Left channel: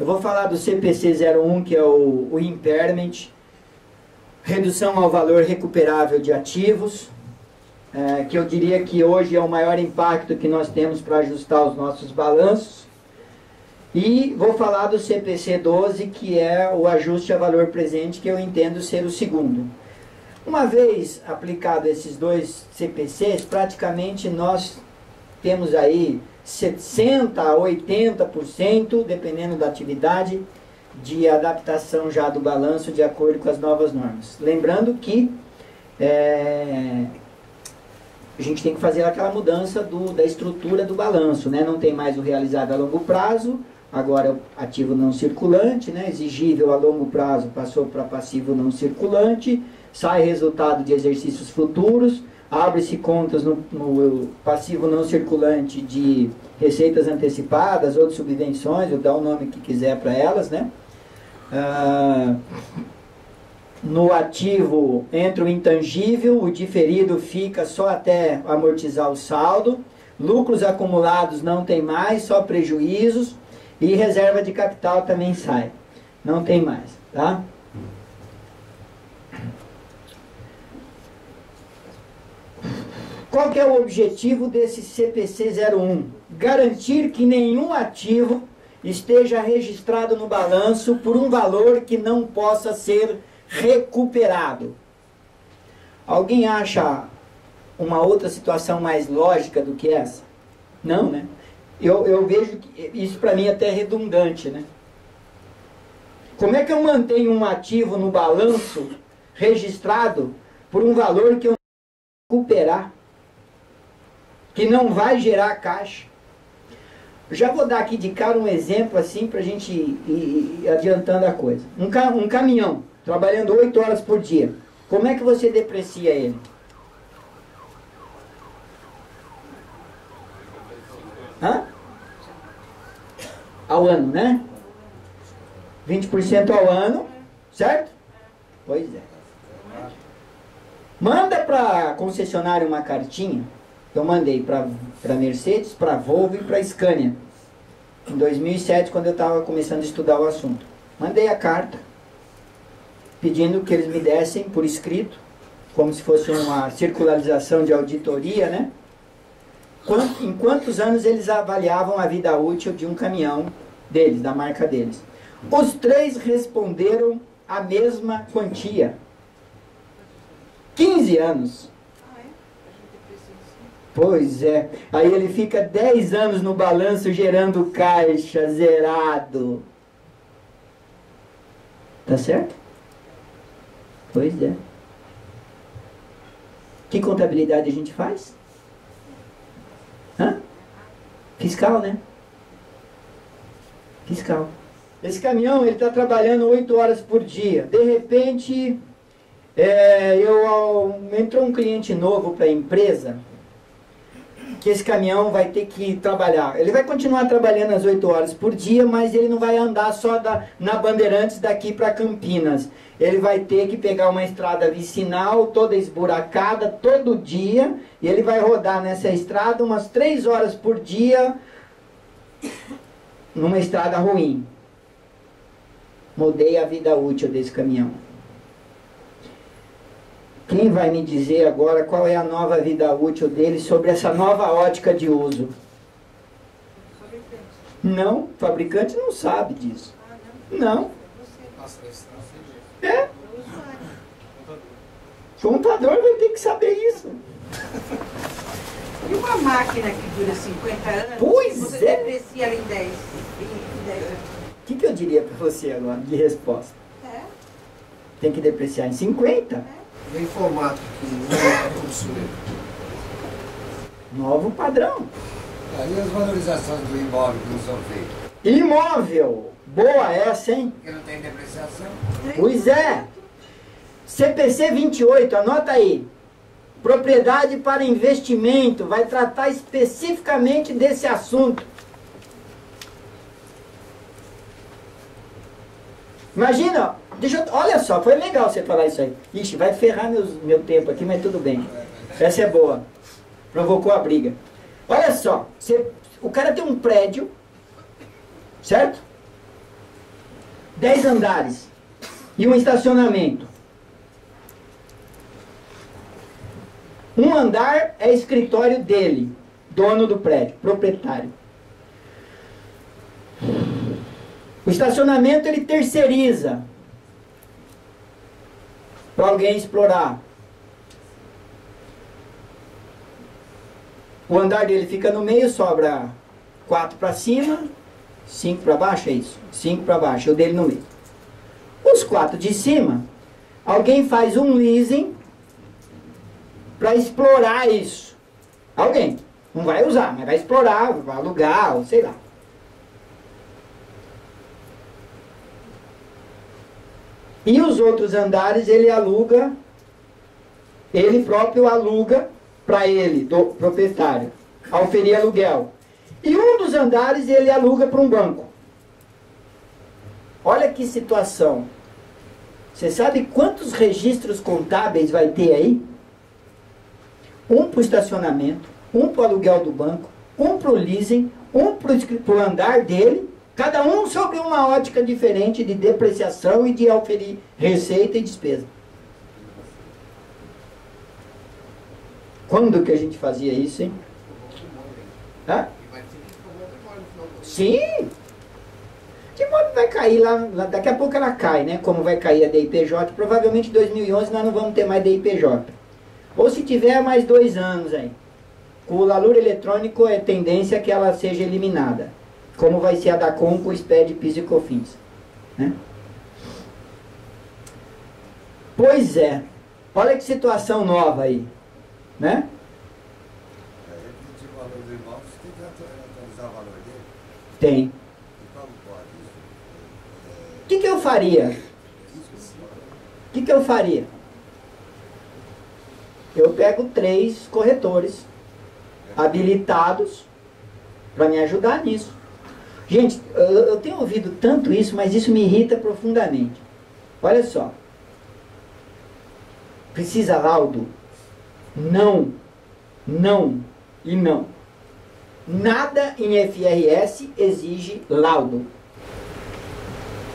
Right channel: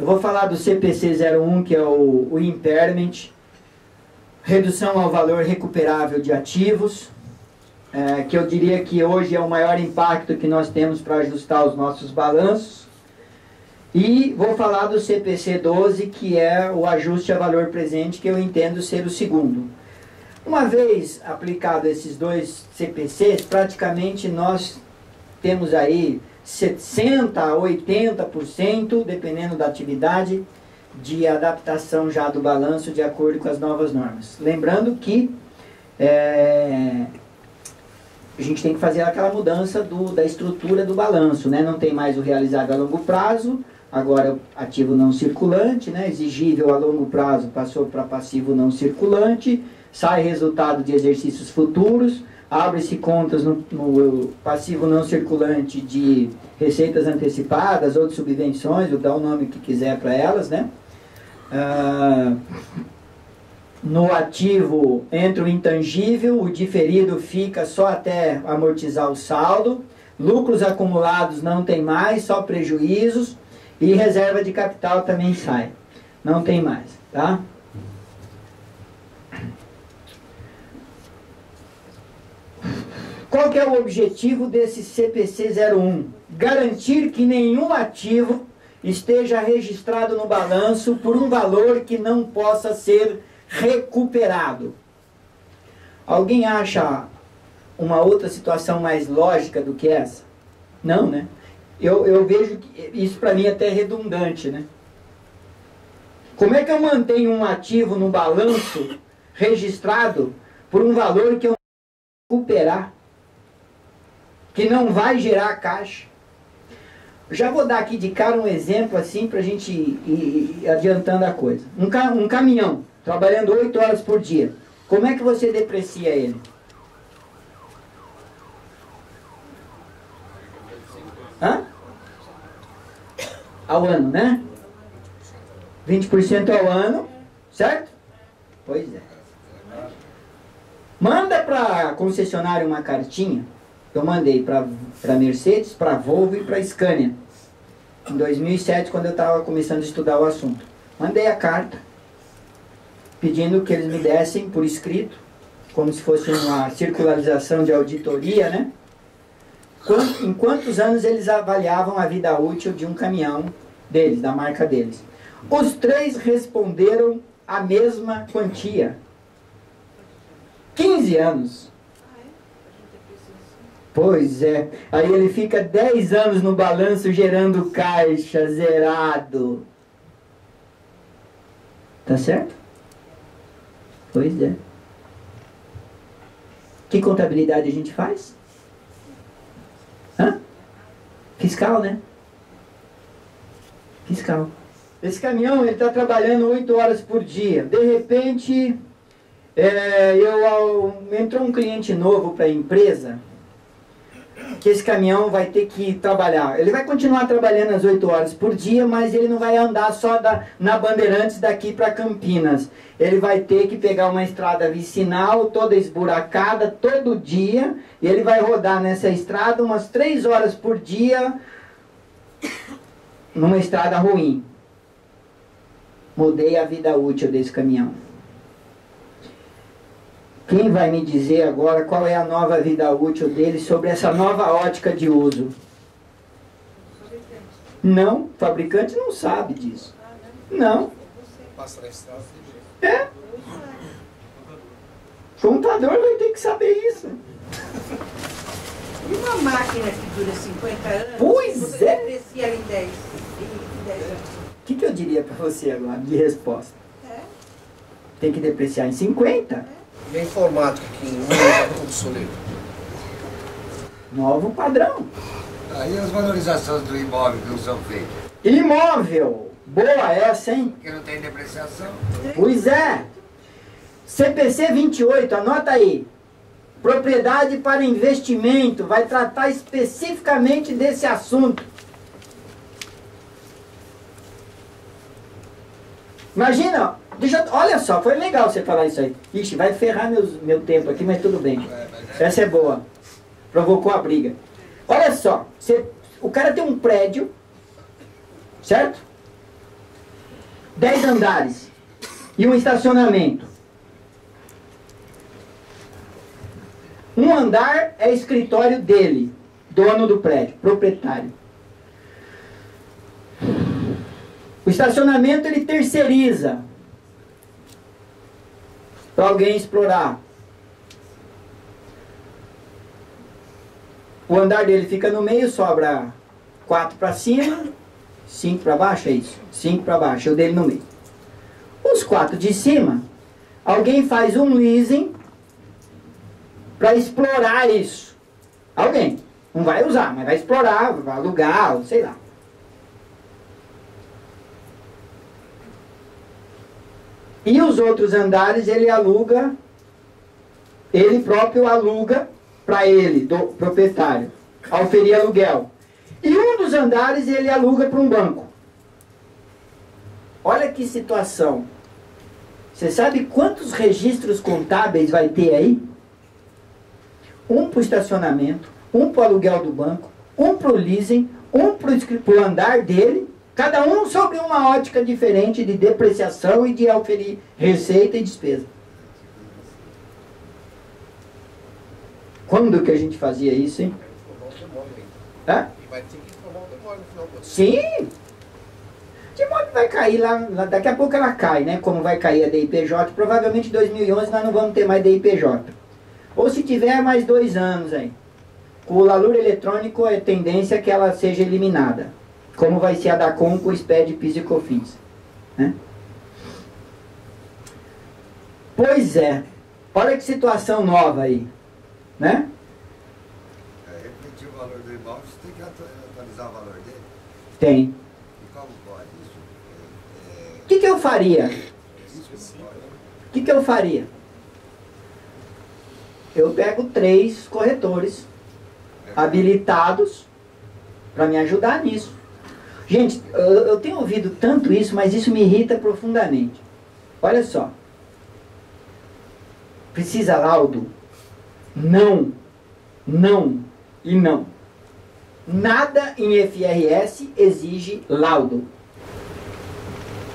Eu vou falar do CPC 01, que é o impairment, redução ao valor recuperável de ativos, que eu diria que hoje é o maior impacto que nós temos para ajustar os nossos balanços. E vou falar do CPC 12, que é o ajuste a valor presente, que eu entendo ser o segundo. Uma vez aplicado esses dois CPCs, praticamente nós temos aí 60% a 80%, dependendo da atividade, de adaptação já do balanço de acordo com as novas normas. Lembrando que a gente tem que fazer aquela mudança da estrutura do balanço, né? Não tem mais o realizado a longo prazo, agora é o ativo não circulante, né? Exigível a longo prazo passou para passivo não circulante, sai resultado de exercícios futuros, abre-se contas no passivo não circulante de receitas antecipadas ou de subvenções, ou dá o nome que quiser para elas, né? No ativo entra o intangível, o diferido fica só até amortizar o saldo, lucros acumulados não tem mais, só prejuízos, e reserva de capital também sai, não tem mais, tá? Qual que é o objetivo desse CPC 01? Garantir que nenhum ativo esteja registrado no balanço por um valor que não possa ser recuperado. Alguém acha uma outra situação mais lógica do que essa? Não, né? Eu vejo que isso para mim é até redundante, né? Como é que eu mantenho um ativo no balanço registrado por um valor que eu não vou recuperar? Que não vai gerar caixa? Já vou dar aqui de cara um exemplo assim para a gente ir adiantando a coisa. Um caminhão trabalhando 8 horas por dia. Como é que você deprecia ele? Hã? Ao ano, né? 20% ao ano, certo? Pois é. Manda para a concessionária uma cartinha. Eu mandei para Mercedes, para Volvo e para Scania. Em 2007, quando eu estava começando a estudar o assunto. Mandei a carta, pedindo que eles me dessem por escrito, como se fosse uma circularização de auditoria, né? Em quantos anos eles avaliavam a vida útil de um caminhão deles, da marca deles. Os 3 responderam a mesma quantia. 15 anos. Pois é. Aí ele fica 10 anos no balanço gerando caixa, zerado. Tá certo? Pois é. Que contabilidade a gente faz? Hã? Fiscal, né? Fiscal. Esse caminhão, ele está trabalhando 8 horas por dia. De repente, entrou um cliente novo para a empresa, que esse caminhão vai ter que trabalhar. Ele vai continuar trabalhando as 8 horas por dia, mas ele não vai andar só na Bandeirantes daqui para Campinas. Ele vai ter que pegar uma estrada vicinal, toda esburacada, todo dia, e ele vai rodar nessa estrada umas 3 horas por dia, numa estrada ruim. Mudei a vida útil desse caminhão. Quem vai me dizer agora qual é a nova vida útil dele sobre essa nova ótica de uso? Não, o fabricante não sabe disso. Não. É. O contador vai ter que saber isso. E uma máquina que dura 50 anos? Pois você deprecia ela em 10 anos. O que eu diria para você agora de resposta? Tem que depreciar em 50? E a informática que não é obsoleto? Novo padrão. Aí as valorizações do imóvel que não são feitas. Imóvel. Boa essa, hein? Porque não tem depreciação. Pois é. CPC 28, anota aí. Propriedade para investimento. Vai tratar especificamente desse assunto. Imagina, olha só, foi legal você falar isso aí. Ixi, vai ferrar meu tempo aqui, mas tudo bem. Essa é boa. Provocou a briga. Olha só, o cara tem um prédio, certo? 10 andares e um estacionamento. Um andar é escritório dele, dono do prédio, proprietário. O estacionamento ele terceiriza para alguém explorar. O andar dele fica no meio, sobra 4 para cima, 5 para baixo, é isso? 5 para baixo, é o dele no meio. Os 4 de cima, alguém faz um leasing para explorar isso. Alguém. Não vai usar, mas vai explorar, vai alugar, ou sei lá. E os outros andares ele aluga, ele próprio aluga para ele, do proprietário, oferir aluguel. E um dos andares ele aluga para um banco. Olha que situação. Você sabe quantos registros contábeis vai ter aí? Um para o estacionamento, um para o aluguel do banco, um para o leasing, um para o andar dele, cada um sobre uma ótica diferente de depreciação e de oferir receita e despesa. Quando que a gente fazia isso, hein? Tá? Vai ter que informar o demônio no final do ano. Sim! De modo vai cair lá, daqui a pouco ela cai, né? Como vai cair a DIPJ, provavelmente em 2011 nós não vamos ter mais DIPJ. Ou se tiver, mais 2 anos aí. Com o LALUR eletrônico é tendência que ela seja eliminada. Como vai ser a DACOM com o SPED, PIS e COFINS. Né? Pois é. Olha que situação nova aí. Né? Repetir o valor do imóvel, você tem que atualizar o valor dele? Tem. E como pode isso? O que eu faria? O que eu faria? Eu pego 3 corretores habilitados para me ajudar nisso. Gente, eu tenho ouvido tanto isso, mas isso me irrita profundamente. Olha só. Precisa laudo? Não. Não e não. Nada em FRS exige laudo.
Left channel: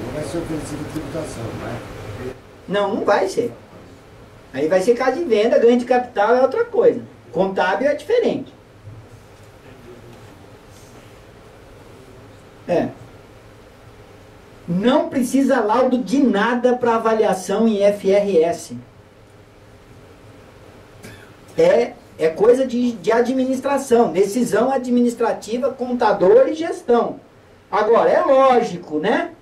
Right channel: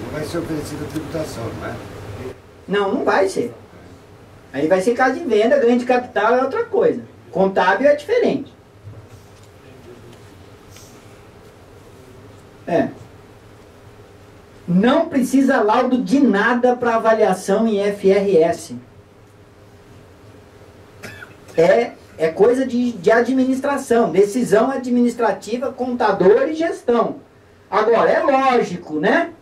Não vai ser oferecida tributação, né? Não, não vai ser. Aí vai ser caso de venda, ganho de capital é outra coisa. Contábil é diferente. É. Não precisa laudo de nada para avaliação em FRS. É coisa de administração, decisão administrativa, contador e gestão. Agora, é lógico, né?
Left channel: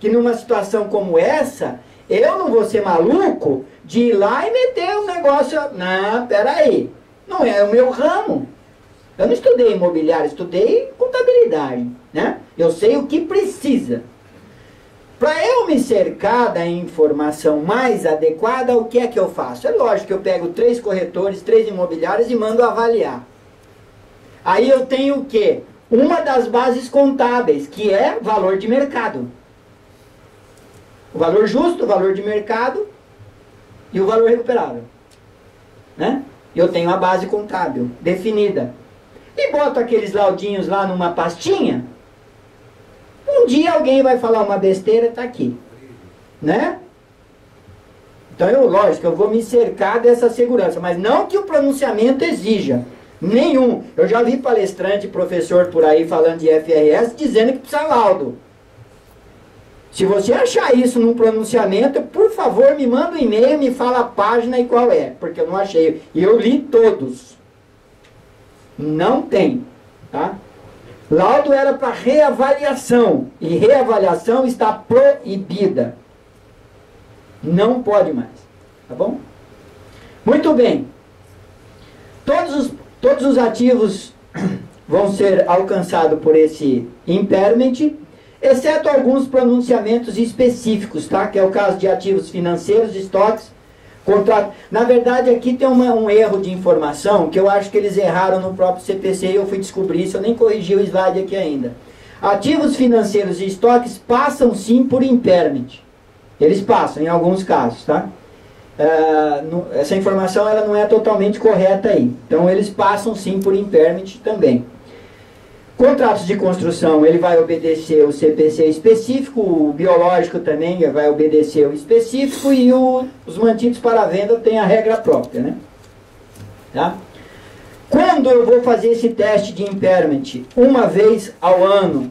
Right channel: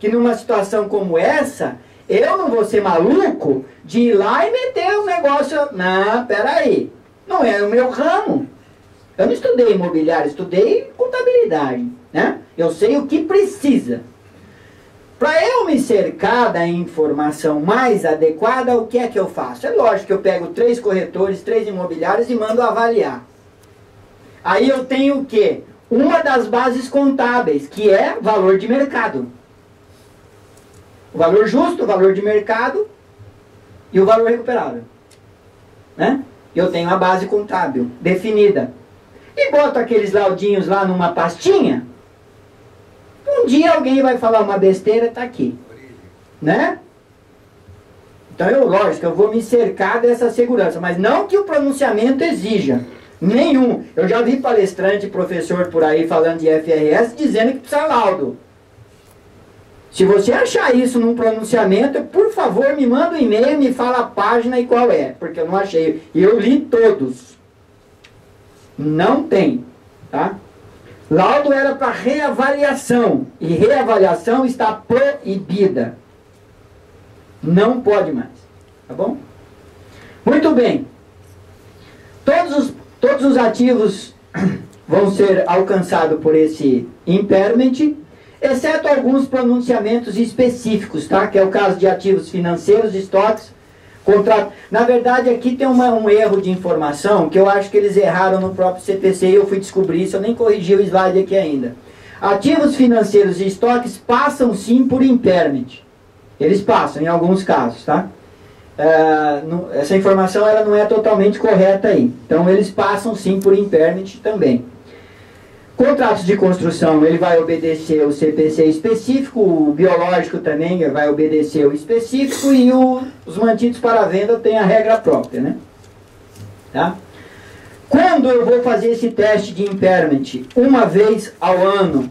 Que numa situação como essa, eu não vou ser maluco de ir lá e meter um negócio... Não, peraí. Não é o meu ramo. Eu não estudei imobiliário, estudei contabilidade, né? Eu sei o que precisa. Para eu me cercar da informação mais adequada, o que é que eu faço? É lógico que eu pego 3 corretores, 3 imobiliários e mando avaliar. Aí eu tenho o quê? Uma das bases contábeis, que é valor de mercado. O valor justo, o valor de mercado e o valor recuperável. Né? Eu tenho a base contábil definida. E boto aqueles laudinhos lá numa pastinha. Um dia alguém vai falar uma besteira, tá aqui. Né? Então, lógico, eu vou me cercar dessa segurança. Mas não que o pronunciamento exija. Nenhum. Eu já vi palestrante, professor por aí falando de FRS, dizendo que precisa laudo. Se você achar isso num pronunciamento, por favor, me manda um e-mail, me fala a página e qual é. Porque eu não achei. E eu li todos. Não tem. Tá? Laudo era para reavaliação. E reavaliação está proibida. Não pode mais. Tá bom? Muito bem. Todos os ativos vão ser alcançados por esse impairment, exceto alguns pronunciamentos específicos, tá? Que é o caso de ativos financeiros, estoques, contrato. Na verdade, aqui tem um erro de informação, que eu acho que eles erraram no próprio CPC e eu fui descobrir isso, eu nem corrigi o slide aqui ainda. Ativos financeiros e estoques passam sim por impairment. Eles passam, em alguns casos, tá? Essa informação ela não é totalmente correta aí. Então, eles passam sim por impairment também. Contratos de construção, ele vai obedecer o CPC específico, o biológico também vai obedecer o específico e os mantidos para venda tem a regra própria, né? Tá? Quando eu vou fazer esse teste de impairment? Uma vez ao ano,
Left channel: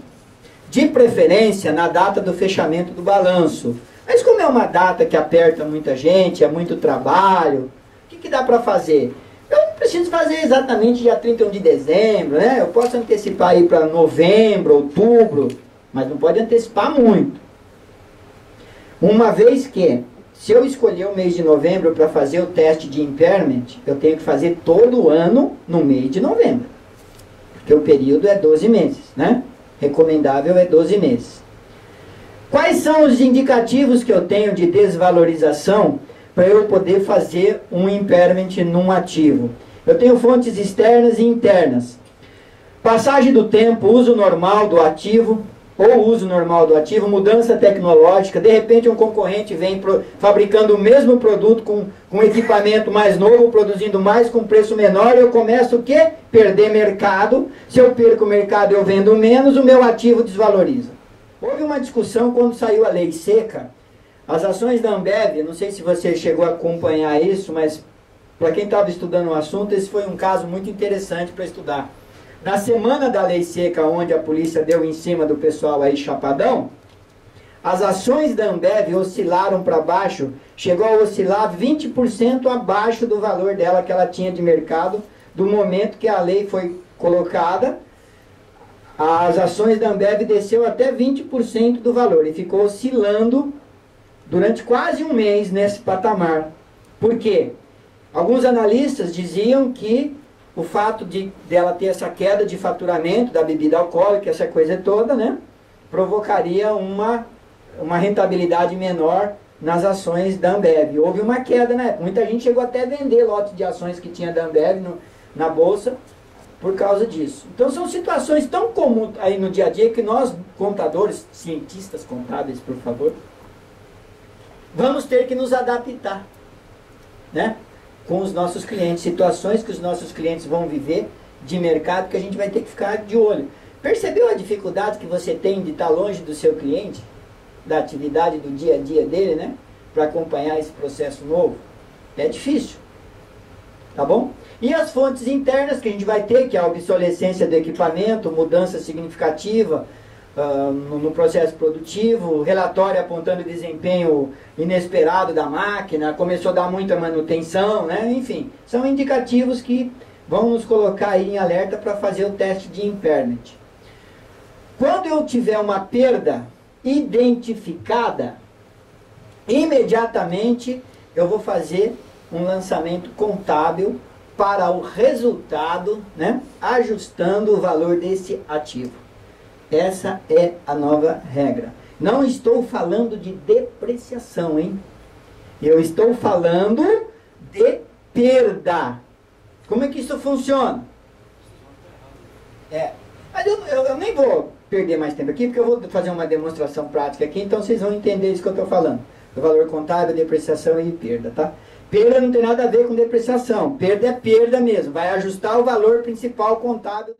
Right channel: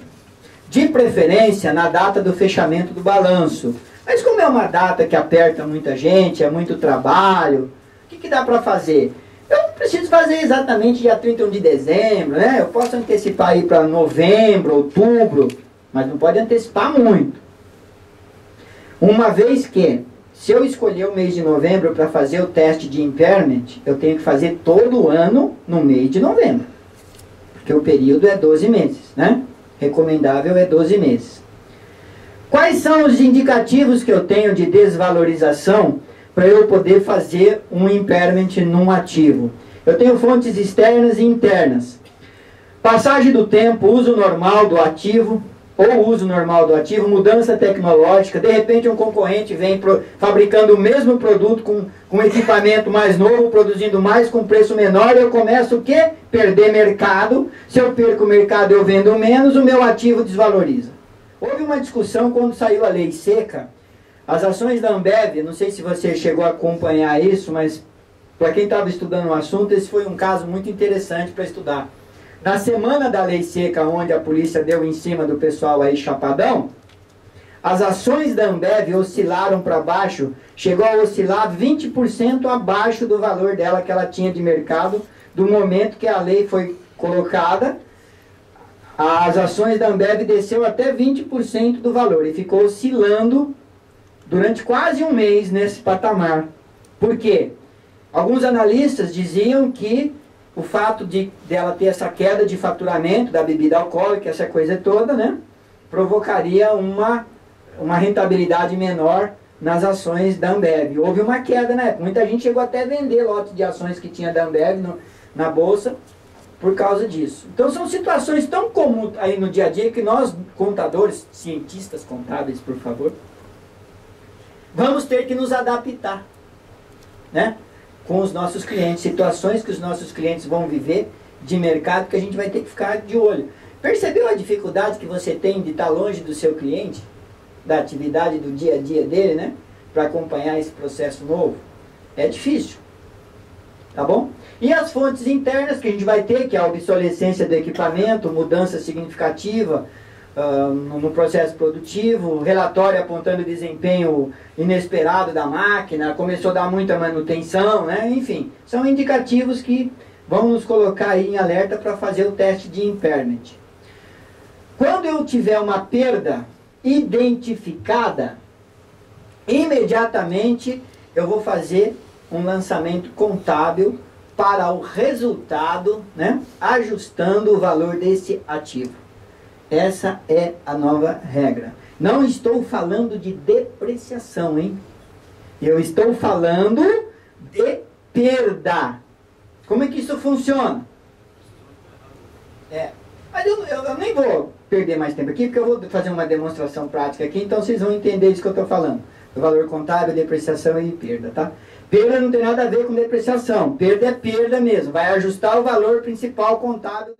de preferência na data do fechamento do balanço. Mas como é uma data que aperta muita gente, é muito trabalho, o que dá para fazer? Eu não preciso fazer exatamente dia 31 de dezembro, né? Eu posso antecipar aí para novembro, outubro, mas não pode antecipar muito. Uma vez que, se eu escolher o mês de novembro para fazer o teste de impairment, eu tenho que fazer todo ano no mês de novembro. Porque o período é 12 meses, né? Recomendável é 12 meses. Quais são os indicativos que eu tenho de desvalorização para eu poder fazer um impairment num ativo? Eu tenho fontes externas e internas. Passagem do tempo, uso normal do ativo, ou uso normal do ativo, mudança tecnológica, de repente um concorrente vem fabricando o mesmo produto com equipamento mais novo, produzindo mais com preço menor, eu começo o quê? Perder mercado. Se eu perco o mercado, eu vendo menos, o meu ativo desvaloriza. Houve uma discussão quando saiu a lei seca, as ações da Ambev, não sei se você chegou a acompanhar isso, mas para quem estava estudando o assunto, esse foi um caso muito interessante para estudar. Na semana da lei seca, onde a polícia deu em cima do pessoal aí chapadão, as ações da Ambev oscilaram para baixo, chegou a oscilar 20% abaixo do valor dela que ela tinha de mercado, do momento que a lei foi colocada. As ações da Ambev desceu até 20% do valor e ficou oscilando durante quase um mês nesse patamar. Por quê? Alguns analistas diziam que o fato dela ter essa queda de faturamento da bebida alcoólica, essa coisa toda, né, provocaria uma rentabilidade menor nas ações da Ambev. Houve uma queda, né? Muita gente chegou até a vender lote de ações que tinha da Ambev na bolsa por causa disso. Então são situações tão comuns aí no dia a dia que nós, contadores, cientistas contábeis, por favor, vamos ter que nos adaptar, né, com os nossos clientes, situações que os nossos clientes vão viver de mercado que a gente vai ter que ficar de olho. Percebeu a dificuldade que você tem de estar longe do seu cliente, da atividade do dia a dia dele, né, para acompanhar esse processo novo? É difícil, tá bom? E as fontes internas que a gente vai ter, que é a obsolescência do equipamento, mudança significativa no processo produtivo, relatório apontando desempenho inesperado da máquina, começou a dar muita manutenção, né? Enfim, são indicativos que vão nos colocar aí em alerta para fazer o teste de impairment. Quando eu tiver uma perda identificada, imediatamente eu vou fazer um lançamento contábil para o resultado, né? Ajustando o valor desse ativo. Essa é a nova regra. Não estou falando de depreciação, hein? Eu estou falando de perda. Como é que isso funciona? Mas eu nem vou perder mais tempo aqui, porque eu vou fazer uma demonstração prática aqui, então vocês vão entender isso que eu estou falando. O valor contábil, depreciação e perda, tá? Perda não tem nada a ver com depreciação. Perda é perda mesmo. Vai ajustar o valor principal contábil.